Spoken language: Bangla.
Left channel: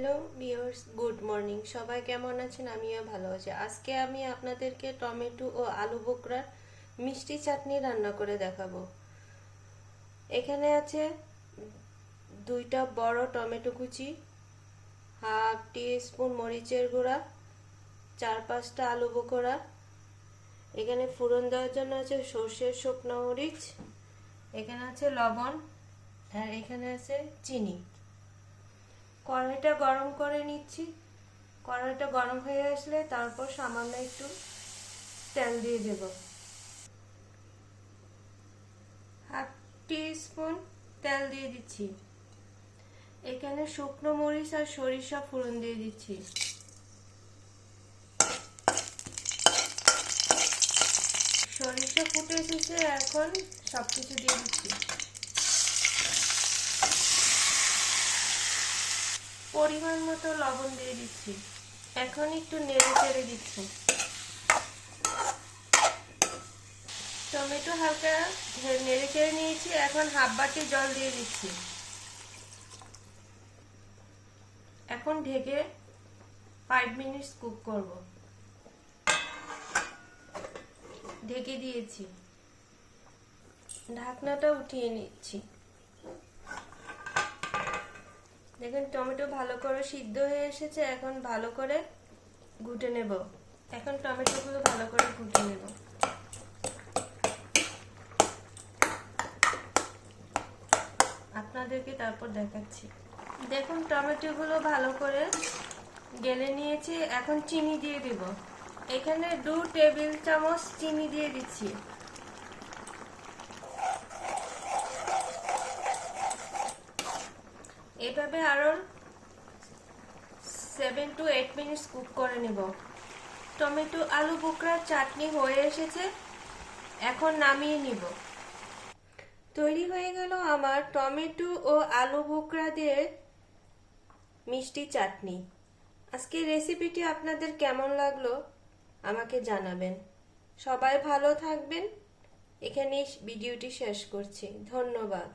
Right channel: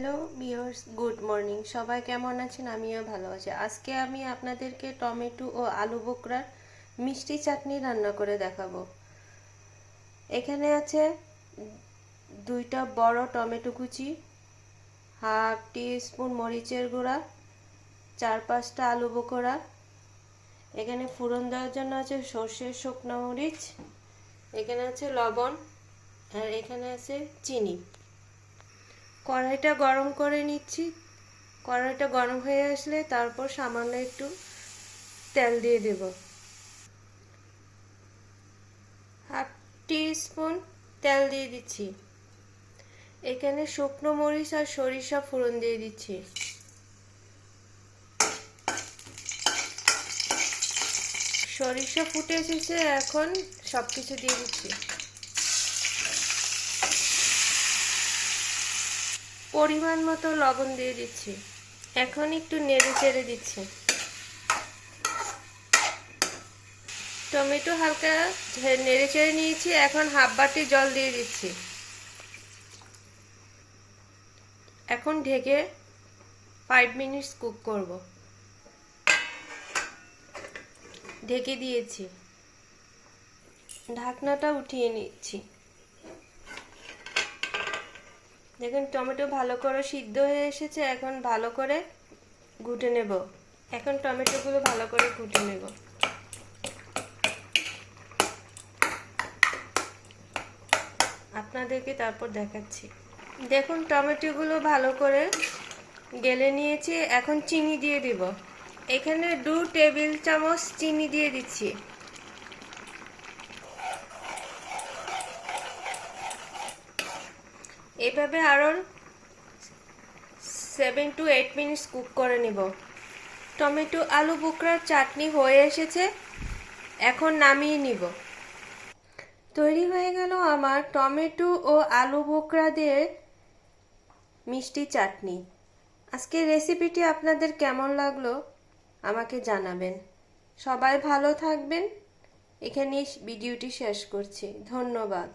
Hello viewers, good morning. সবাই কেমন আছেন? আমিও ভালো আছি। আজকে আমি আপনাদেরকে টমেটো ও আলু বোখরার মিষ্টি চাটনি রান্না করে দেখাবো। এখানে আছে 2টা বড় টমেটো কুচি, হাফ টিস্পুন মরিচের গুঁড়া, 4-5টা আলু বোখরা। এখানে ফোড়ন দেওয়ার জন্য আছে সর্ষের শুকনো মরিচ, এখানে আছে লবণ, আর এখানে আছে চিনি। কড়াইটা গরম করে নিচ্ছি। কড়াইটা গরম হয়ে আসলে তারপর সামান্য একটু তেল দিয়ে দেব। হাফ টিস্পুন তেল দিয়ে দিচ্ছি। এখানে শুকনো মরিচ আর সরিষা ফোড়ন দিয়ে দিচ্ছি। সরিষা ফুটে এসেছে, এখন সবকিছু দিয়ে দিচ্ছি। পরিমাণ মতো লবণ দিয়ে দিচ্ছি। এখন একটু নেড়ে চেড়ে দিচ্ছি। টমেটো হালকা নেড়ে চেড়ে নিয়েছি, এখন হাফ বাটি জল দিয়ে দিচ্ছি। এখন ঢেকে 5 মিনিট কুক করব। ঢেকে দিয়েছি, ঢাকনাটা উঠিয়ে নিচ্ছি। দেখুন টমেটো ভালো করে সিদ্ধ হয়ে এসেছে, এখন ভালো করে ঘুটে নেব। এখন টমেটোগুলো ভালো করে ঘুটে নেব। আপনাদেরকে তারপর দেখাচ্ছি। দেখুন টমেটোগুলো ভালো করে গেলে নিয়েছি, এখন চিনি দিয়ে দিব। এখানে 2 টেবিল চামচ চিনি দিয়ে দিচ্ছি। এভাবে আরো 7 to 8 মিনিট কুক করে নিব। টমেটো আলু বোখরার চাটনি হয়ে এসেছে, এখন নামিয়ে নিব। তৈরি হয়ে গেল আমার টমেটো ও আলু বোখরা দিয়ে মিষ্টি চাটনি। আজকের রেসিপিটি আপনাদের কেমন লাগলো আমাকে জানাবেন। সবাই ভালো থাকবেন। এখানেই ভিডিওটি শেষ করছি। ধন্যবাদ।